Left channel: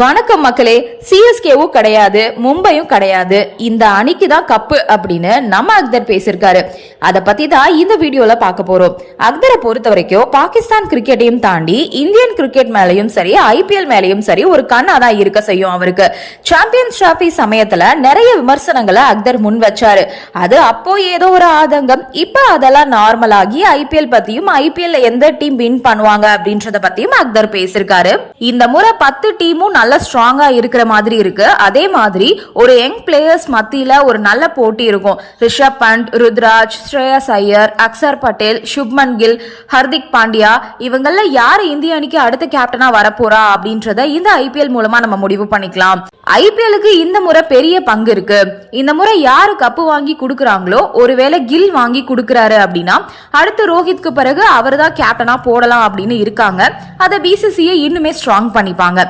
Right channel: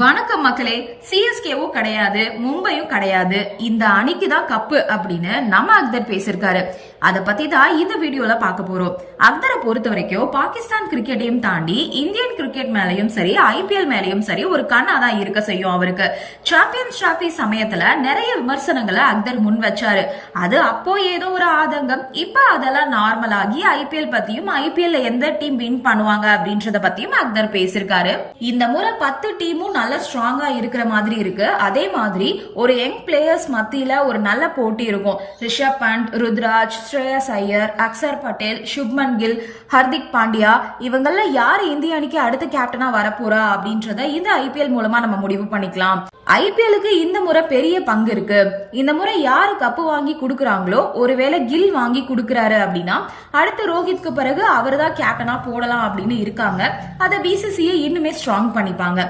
வணக்கம் மக்களே சிஎஸ்கேவும் கிடையாது மும்பையும் கிடையாது. இந்த அணிக்கு தான் கப்பு அப்படின்னு நம்ம அக்தர் பேசியிருக்காரு. அதை பத்தி தான் இந்த வீடியோல பார்க்க போறோம். அக்தரை பொறுத்த வரைக்கும் பாகிஸ்தான் கிரிக்கெட்டையும் தாண்டி இந்தியன் கிரிக்கெட் மேலையும் சரி ஐபிஎல் மேலையும் சரி ஒரு கண்ணா தான் இருக்க செய்யும் அவருக்கு. சாம்பியன்ஸ் டிராபி சமயத்துல நிறைய விமர்சனங்களை அக்தர் முன் வச்சாரு. அது அப்போ ஏதோ ஒரு ஆதங்கம் இப்ப அதெல்லாம் நார்மல் ஆகி ஐபிஎல் பத்தியும் ஐபிஎல் எந்த டீம் வின் பண்ணுவாங்க அப்படின்றத பத்தியும் அக்தர் பேசியிருக்காரு. இந்த முறை பத்து டீமும் நல்ல ஸ்ட்ராங்கா இருக்கிற மாதிரி இருக்கு. அதே மாதிரி ஒரு யங் பிளேயர்ஸ் மத்தியில ஒரு நல்ல போட்டி இருக்கும். ரிஷப் பண்ட் ருத்ராஜ் ஸ்ரேயஸ் ஐயர் அக்சர் பட்டேல் சுப்மன் கில் ஹர்திக் பாண்டியா இவங்கள யார் இந்திய அணிக்கு அடுத்த கேப்டனா வரப்போறா அப்படின்றத இந்த ஐபிஎல் மூலமா நம்ம முடிவு பண்ணிக்கலாம். ஐபிஎலுக்கு இந்த முறை பெரிய பங்கு இருக்கு. இந்த முறை யாரு கப்பு வாங்கி கொடுக்கறாங்களோ ஒருவேளை கில் வாங்கி கொடுக்கறாரு அப்படின்னா அடுத்து ரோஹித்க்கு பிறகு அவர் தான் கேப்டனா போடலாம் அப்படின்னு இருக்காங்க. அதை பிசிசியை இன்னுமே ஸ்ட்ராங் பண்ணிப்பாங்க.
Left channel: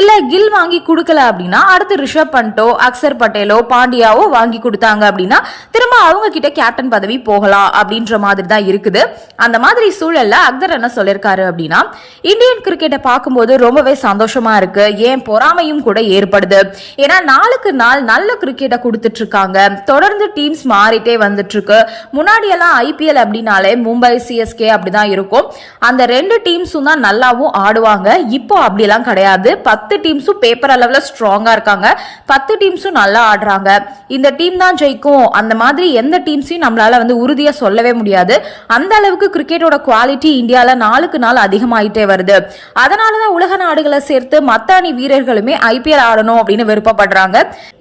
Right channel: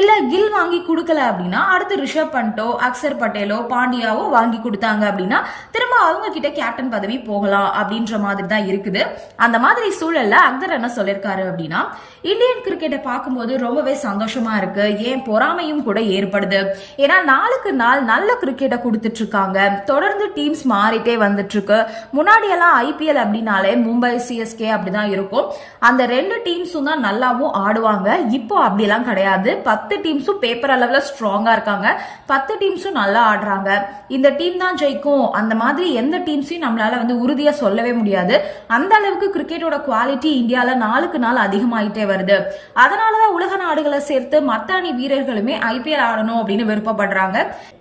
இல்ல கில் வாங்கி கொடுக்கல அப்படின்னா அடுத்து ரிஷப் பண்டோ அக்சர் பட்டேலோ பாண்டியாவோ வாங்கி கொடுத்தாங்க அப்படின்னா திரும்ப அவங்க கிட்ட கேப்டன் பதவி போகலாம் அப்படின்ற மாதிரி தான் இருக்குது. அந்த மாதிரி சூழல்ல அக்தர் என்ன சொல்லியிருக்காரு அப்படின்னா இந்தியன் கிரிக்கெட்டை பார்க்கும்போது ரொம்பவே சந்தோஷமா இருக்கு. ஏன் பொறாமையும் கூட ஏற்படுது. ஏன்னா நாளுக்கு நாள் நல்ல கிரிக்கெட்டை கொடுத்துட்டு இருக்காங்க தொடர்ந்து டீம்ஸ் மாறிட்டே வந்துட்டு இருக்கு முன்னாடி எல்லாம் ஐபிஎல் அப்படின்னாலே மும்பை சிஎஸ்கே அப்படிதான் இருக்கும். அந்த ரெண்டு டீம்ஸும் தான் நல்லாவும் ஆடுவாங்க. இப்போ அப்படிலாம் கிடையாது. பத்து டீம் டீம்ஸும் பேப்பர் அளவில் ஸ்ட்ராங்கா இருக்காங்க. பத்து டீம்ஸும் நல்லா ஆடுறாங்க. இந்த டீம் தான் ஜெயிக்கும். அந்த மாதிரி எந்த டீம்ஸையும் நம்மளால வந்து உறுதியாக சொல்லவே முடியாது. அந்த அளவுக்கு கிரிக்கெட்டோட குவாலிட்டி இந்தியாவில் நாளுக்கு நாள் அதிகமாயிட்டே வருது. அதனால தான் உலக நாடுகளை சேர்த்து மத்த அணி வீரர்களுமே ஐபிஎல் ஆடணும் அப்படின்னு விருப்பப்படுறாங்க.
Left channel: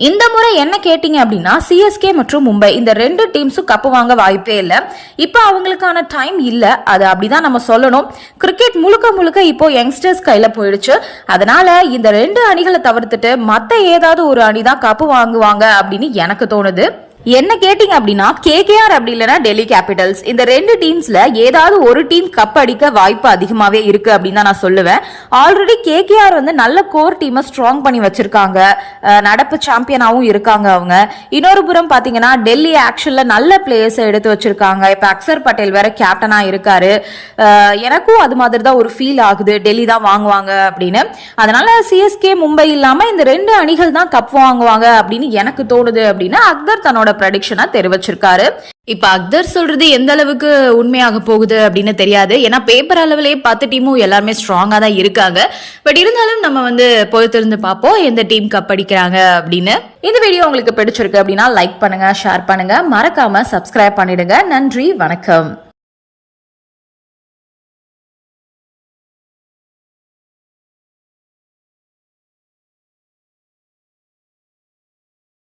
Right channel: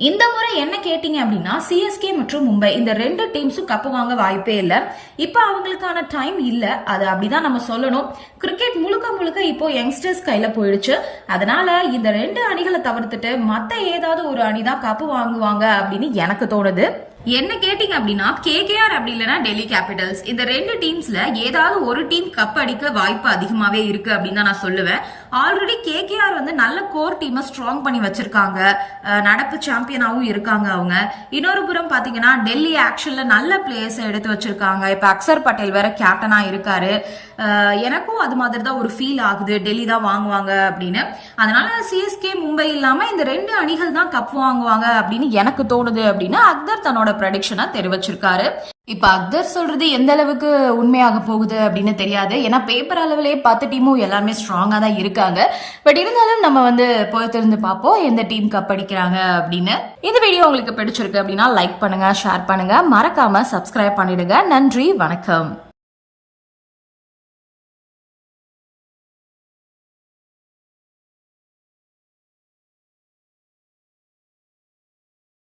இந்த முறை என்ன கேட்டீங்க அப்படின்னா சிஎஸ்கே மற்றும் மும்பை இந்த ரெண்டு டீம்ஸும் கப்பு வாங்க வாய்ப்பே இல்லை. இப்போ அவங்களுக்கான டைம் இல்லை. அது அப்படிதான் நம்ம சொல்லணும். கிரிக்கெட் முழுக்க முழுக்க இப்போ யங்ஸ்டர்ஸ் கையில் போயிடுச்சு. அதனால இந்த ரெண்டு அணிகளை தவிர்த்துட்டு மற்ற ஏதாவது ஒரு அணி தான் கப்பு வாங்குவாங்க அப்படின்னு எனக்கு தோணுது. என்ன கேட்டிங்க அப்படின்னா கேகேஆர் அப்படி இல்லைன்னா டெல்லி கேபிட்டல்ஸ் இந்த ரெண்டு டீம்ஸ்ல ஏதாவது ஒரு டீம் கப் அடிக்க வாய்ப்பு அதிகமாகவே இருக்கு அப்படின்னு தான் நான் சொல்லுவேன். ஆல்ரெடி கேகேஆர் வந்து நல்ல கோர் டீமை ஸ்ட்ராங் பண்ணி வச்சிருக்காங்க. நடப்பு சாம்பியனாகவும் இருக்காங்க அவங்க. இன்னொரு புறம் பார்த்தீங்கன்னா டெல்லி ஆக்ஷனில் நல்ல பிளேயர்ஸை எடுத்து வச்சிருக்காங்க. இப்போ அக்சர் பட்டேல் வேற கேப்டனாக இருக்காரு. எனக்கும் அது மாதிரி தான் ஒரு ஃபீல் ஆகுது. டெல்லி தான் வாங்குவாங்க அப்படின்னு. அதனால சிஎஸ்கே மும்பை இல்லாமல் இந்த ரெண்டு அணிகள் தான் கப் வாங்குவாங்க அப்படின்னு எனக்கு தோணுது அப்படின்னு அக்தர் தன்னோட ப்ரடிக்ஷனா தெரிவிச்சிருக்காரு. இப்ப அக்தர் சொல்றது எந்த அளவுக்கு உண்மையாக போகுது அப்படின்னு தெரியாது. ஏன்னா பேப்பர் அளவிலே பத்து டீமும் எல்லாருமே ஸ்ட்ராங்கா தான் இருக்காங்க. பட் இருந்தாலும் நம்ம வந்து பொறுத்திருந்து பார்ப்போம் எந்த டீம் கப் அடிக்கிறாங்க அப்படின்னு. இந்த வீடியோ உங்களுக்கு பிடிச்சிருக்கு அப்படின்னா லைக் பண்ணுங்க ஷேர் பண்ணுங்க. மறக்காம சப்ஸ்கிரைப் பண்ணிடுங்க. நன்றி வணக்கம்.